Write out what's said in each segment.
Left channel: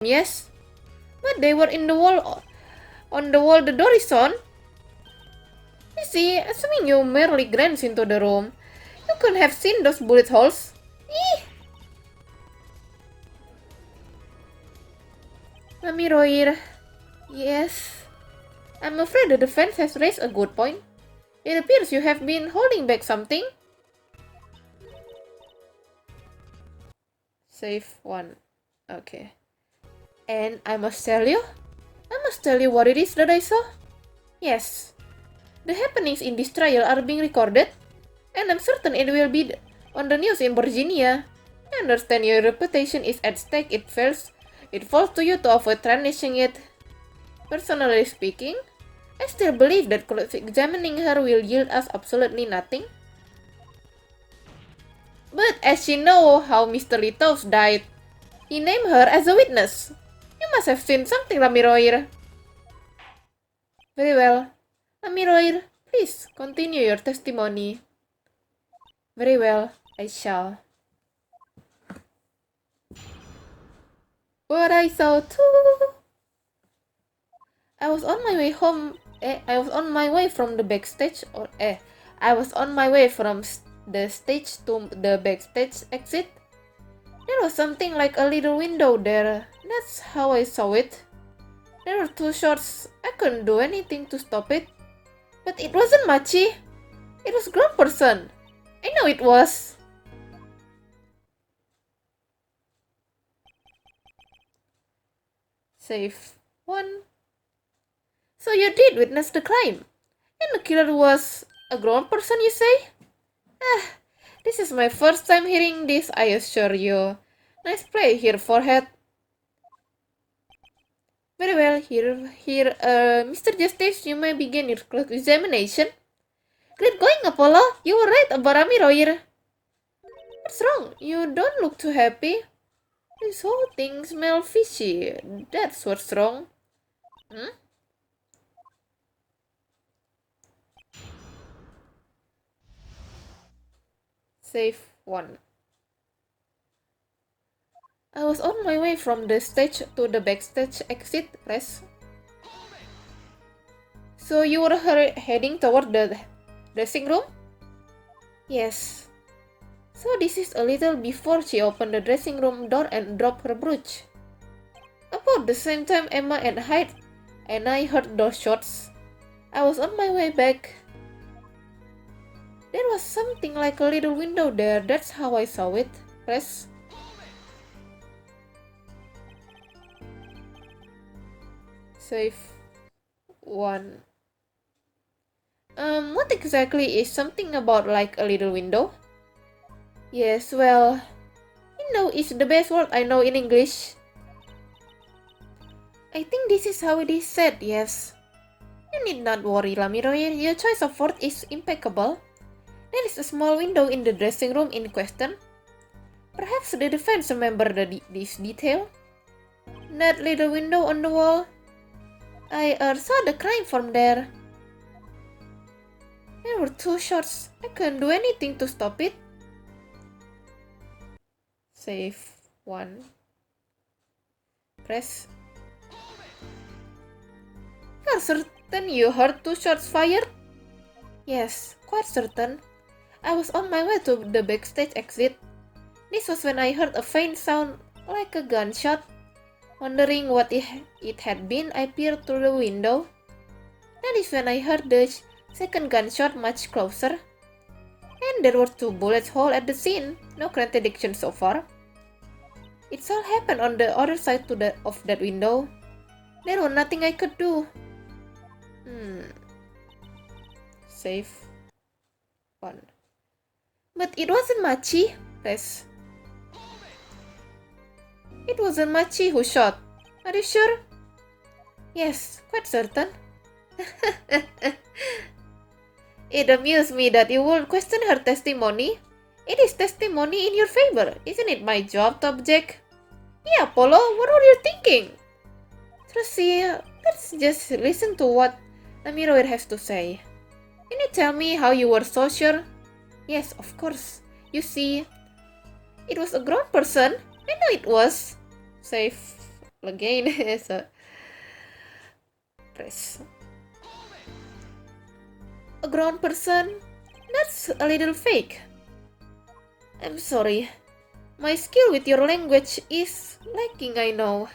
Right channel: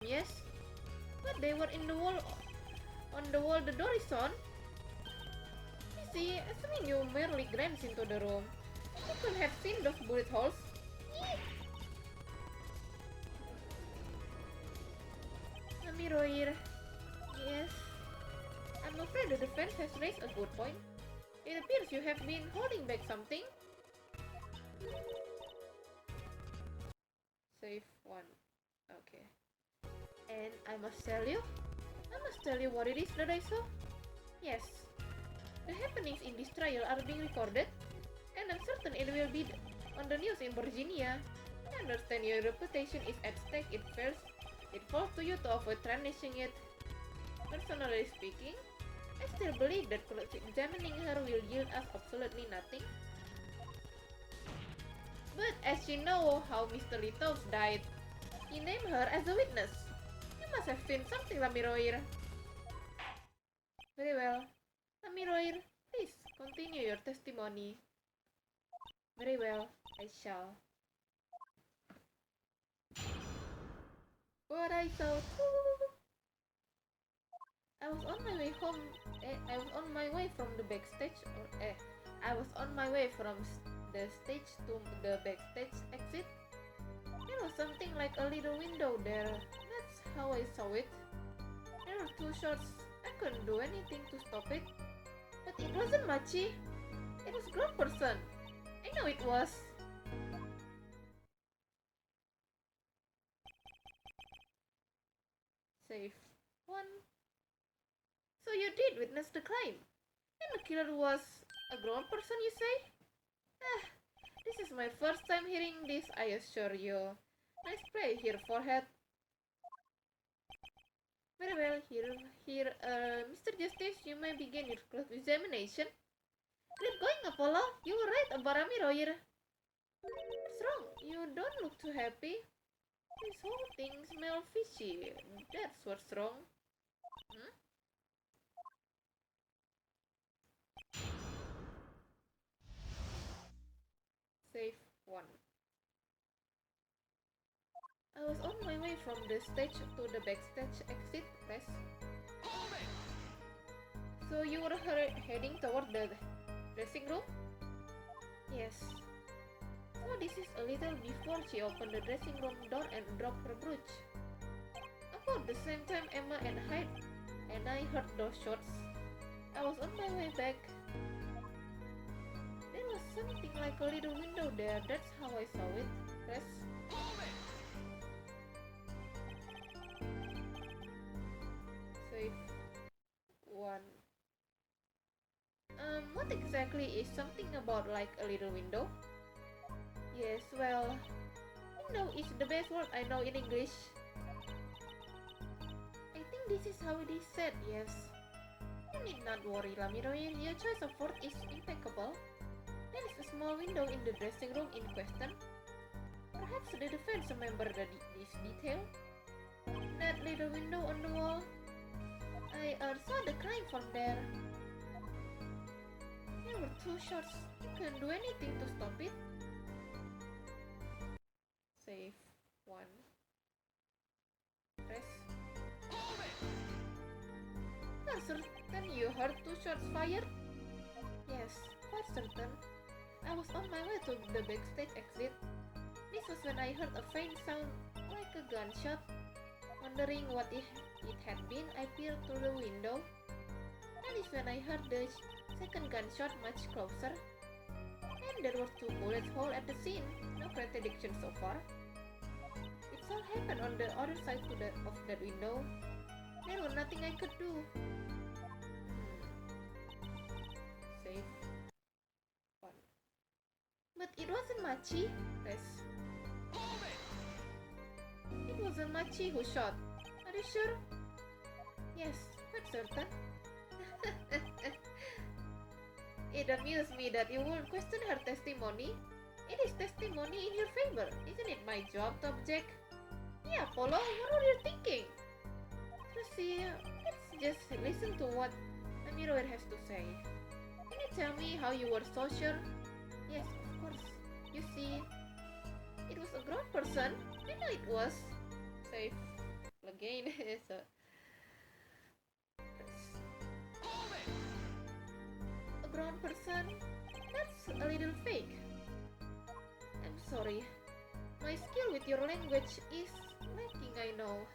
yes. But they were in the wall. On the wall the door is on. You see, assuming you merely glanced into the room, you could have seen those bullet holes. Eeh! Royer. Yes. I'm afraid the defense has raised a good point. It appears you have been holding back something. Save 1. Okay. And I must tell you what it is that I saw. Yes. The happenings in this trial are being recorded, and I'm certain it will be on the news in Virginia. I understand your reputation is at stake. It falls to you to avoid tarnishing it. Personally speaking, I still believe that examining her will yield us absolutely nothing. But as you know how Mr. Litos died, he named her as a witness. You must have seen something, Royer. Very well. Royer, please continue your testimony. Very well, I shall. What I saw too. I was on my way home. I was on my way from the backstage. I was on my way from the stage to the backstage exit. There was something like a little window there. That's how I saw it. There were 2 shots. I couldn't do anything to stop it. But it wasn't Machi. It was a grown person. I know it was. Save 1. So you did witness the crime. And the killer was a grown person, you say? This is my first time hearing this, I assure you. Nice play here, forehead. Very well, here, Mr. Justice, you may begin your examination. Great going, Apollo. You were right about Royer. What's wrong? You don't look too happy. This whole thing smells fishy. That's what's wrong. Save 1. I was on my way from the stage to the backstage exit, press. So you were heading toward the dressing room? Yes. So this is a little before she opened the dressing room door and dropped her brooch. About the same time Emma and I heard those shots. I was on my way back. There was something like a little window there. That's how I saw it. Press. Save 1. What exactly is something about like a little window? Yes, well, window is the best word I know in English. I think this is how it is said, yes. You need not worry, Royer. Your choice of word is impeccable. There is a small window in the dressing room in question. Perhaps the defense remember this detail. That little window on the wall. I saw the crime from there. There were 2 shots. I couldn't do anything to stop it. Save 1. Press. You're certain you heard 2 shots fired? Yes, quite certain. I was on my way to the backstage exit. This was when I heard a faint sound like a gunshot. Wondering what it had been, I peered through the window. That is when I heard the second gunshot much closer. And there were 2 bullet holes at the scene. No contradiction so far. It all happened on the other side of that window. There was nothing I could do. Save 1. But it wasn't Machi. Press. It wasn't Machi who shot. Are you sure? Yes, quite certain. It amused me that you would question her testimony. It is testimony in your favor. Isn't it my job to object? Yeah, Apollo, what were you thinking? Tracy, let's just listen to what Royer has to say. Can you tell me how you were so sure? Yes, of course. You see, it was a grown person. I know it was. Save again. So, press. A grown person? That's a little fake. I'm sorry. My skill with your language is lacking, I know.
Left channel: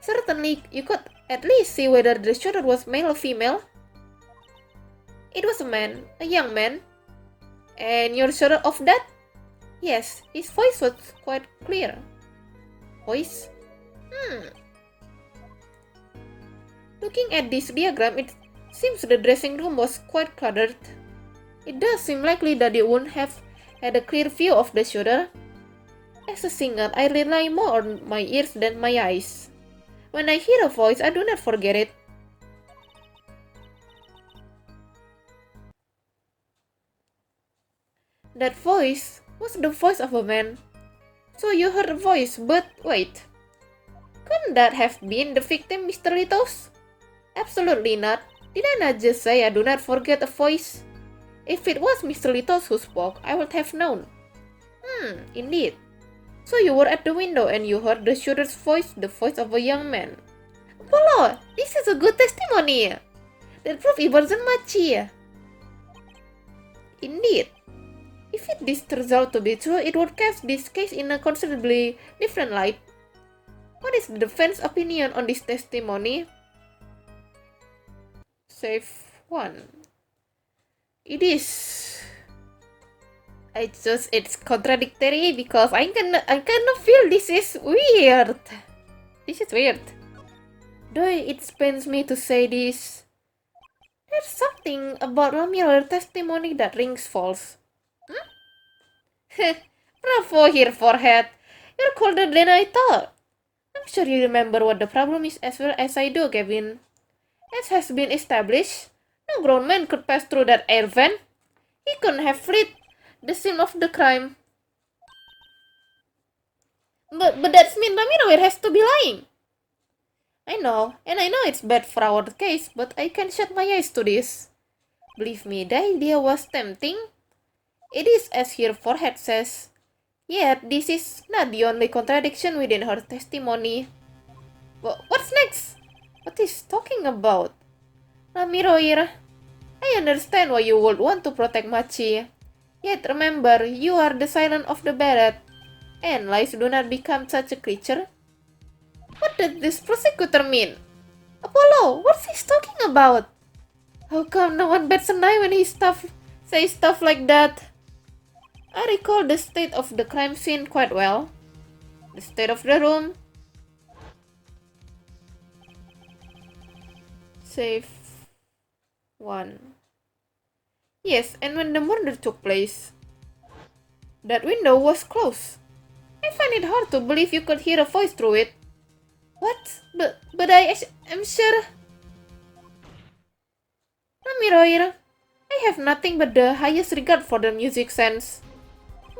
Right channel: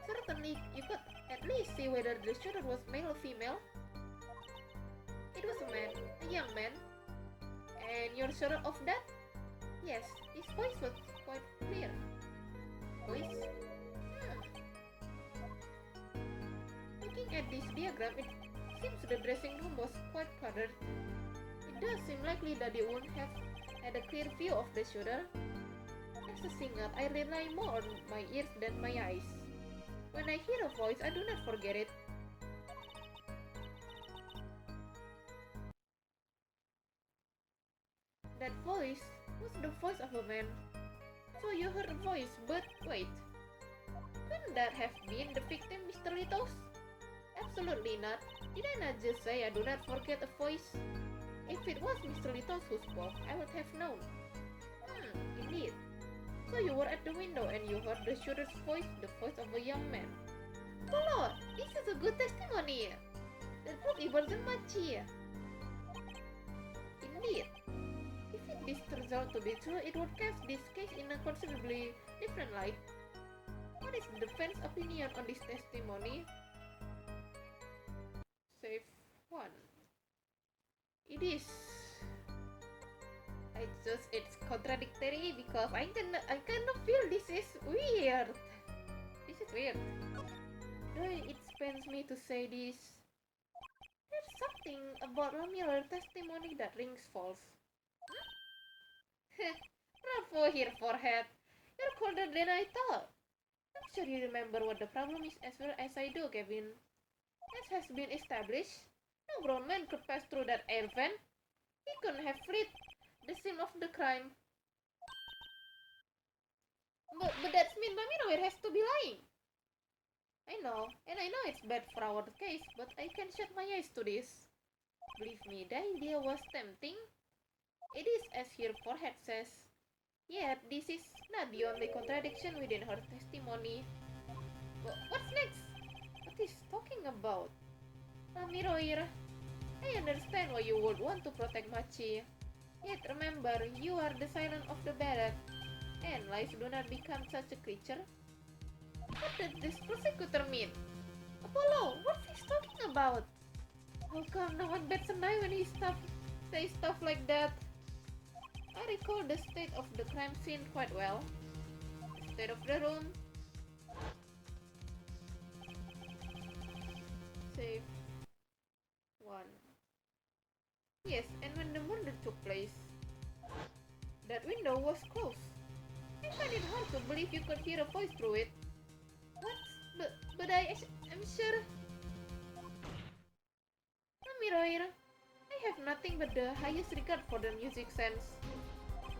Certainly, you could at least see whether the shooter was male or female. It was a man, a young man. And you're sure of that? Yes, his voice was quite clear. Voice? Looking at this diagram, it seems the dressing room was quite cluttered. It does seem likely that you wouldn't have had a clear view of the shooter. As a singer, I rely more on my ears than my eyes. When I hear a voice, I do not forget it. That voice was the voice of a man. So you heard a voice, but wait. Couldn't that have been the victim, Mr. Litos? Absolutely not. Did I not just say I do not forget a voice? If it was Mr. Litos who spoke, I would have known. Indeed. So you were at the window and you heard the shooter's voice, the voice of a young man. Apollo, this is a good testimony. That proves it wasn't Machi. Indeed. If this turns out to be true, it would cast this case in a considerably different light. What is the defense opinion on this testimony? Save 1. It is. It's contradictory because I kind of feel this is weird. This is weird. Though it pains me to say this, there's something about Ramiro's testimony that rings false. Bravo here, forehead. You're colder than I thought. I'm sure you remember what the problem is as well as I do, Gavin. As has been established, no grown man could pass through that air vent. He couldn't have fled the scene of the crime. But that means Ramiro has to be lying. I know, and I know it's bad for our case, but I can't shut my eyes to this. Believe me, the idea was tempting. It is as her forehead says. Yet, this is not the only contradiction within her testimony. What's next? What is talking about? Ramiro, I understand why you would want to protect Machi. Yet remember, you are the silent of the barret, and lies do not become such a creature. What does this prosecutor mean? Apollo, what's he talking about? How come no one bats an eye when he says stuff like that? I recall the state of the crime scene quite well. The state of the room. Save 1. Yes, and when the murder took place, that window was closed. I find it hard to believe you could hear a voice through it. What? But I am sure. Ramiro, I have nothing but the highest regard for the music sense.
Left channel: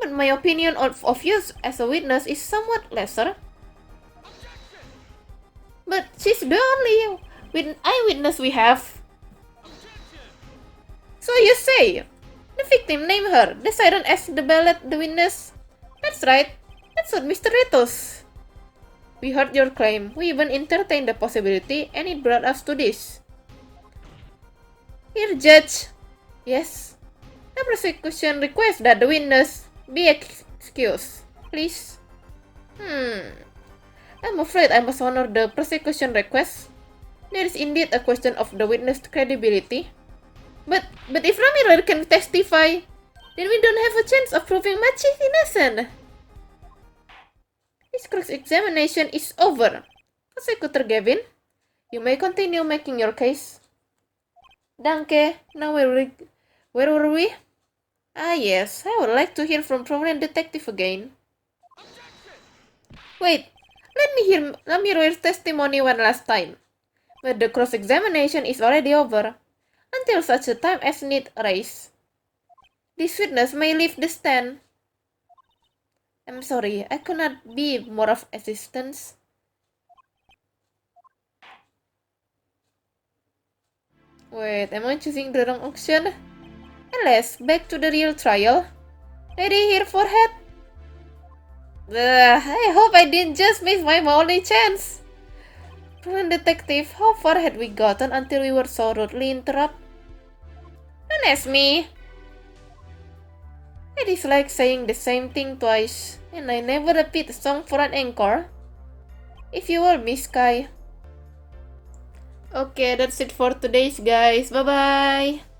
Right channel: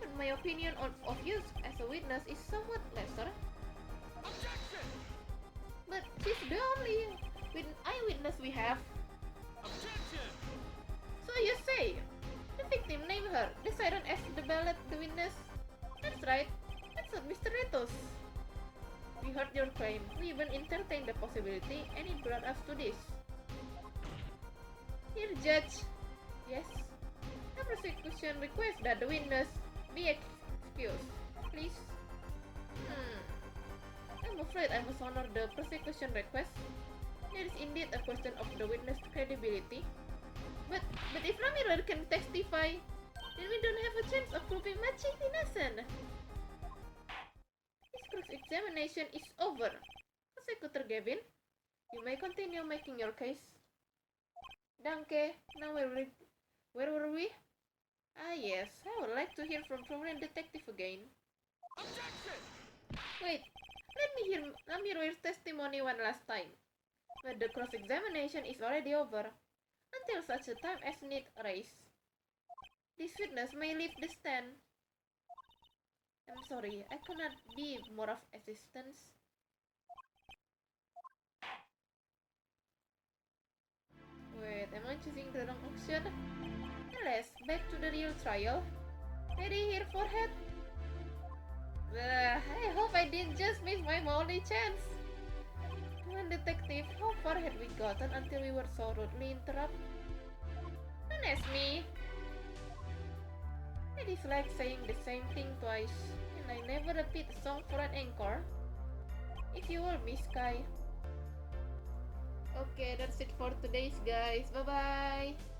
But my opinion of you as a witness is somewhat lesser. But she's the only eyewitness we have. So you say, the victim named her, the siren as the ballet, the witness? That's right, that's what Mr. Retos. We heard your claim, we even entertained the possibility, and it brought us to this. Here, Judge. Yes? The prosecution requests that the witness be excused, please. I'm afraid I must honor the prosecution request. There is indeed a question of the witness' credibility. But if Ramiro can testify, then we don't have a chance of proving Machi innocent. This cross-examination is over. Prosecutor Gavin, you may continue making your case. Danke. Now where were we? Ah yes, I would like to hear from prominent detective again. Wait, let me hear Ramiro's testimony one last time. But the cross-examination is already over. Until such a time as need arise. This witness may leave the stand. I'm sorry, I could not be more of assistance. Wait, am I choosing the wrong option? Alas, back to the real trial. Ready here, forehead? I hope I didn't just miss my only chance. Come on, detective, how far had we gotten until we were so rudely interrupted? Don't ask me. It is like saying the same thing twice, and I never repeat a song for an encore. If you were Miss Kai. Okay, that's it for today's guys. Bye bye.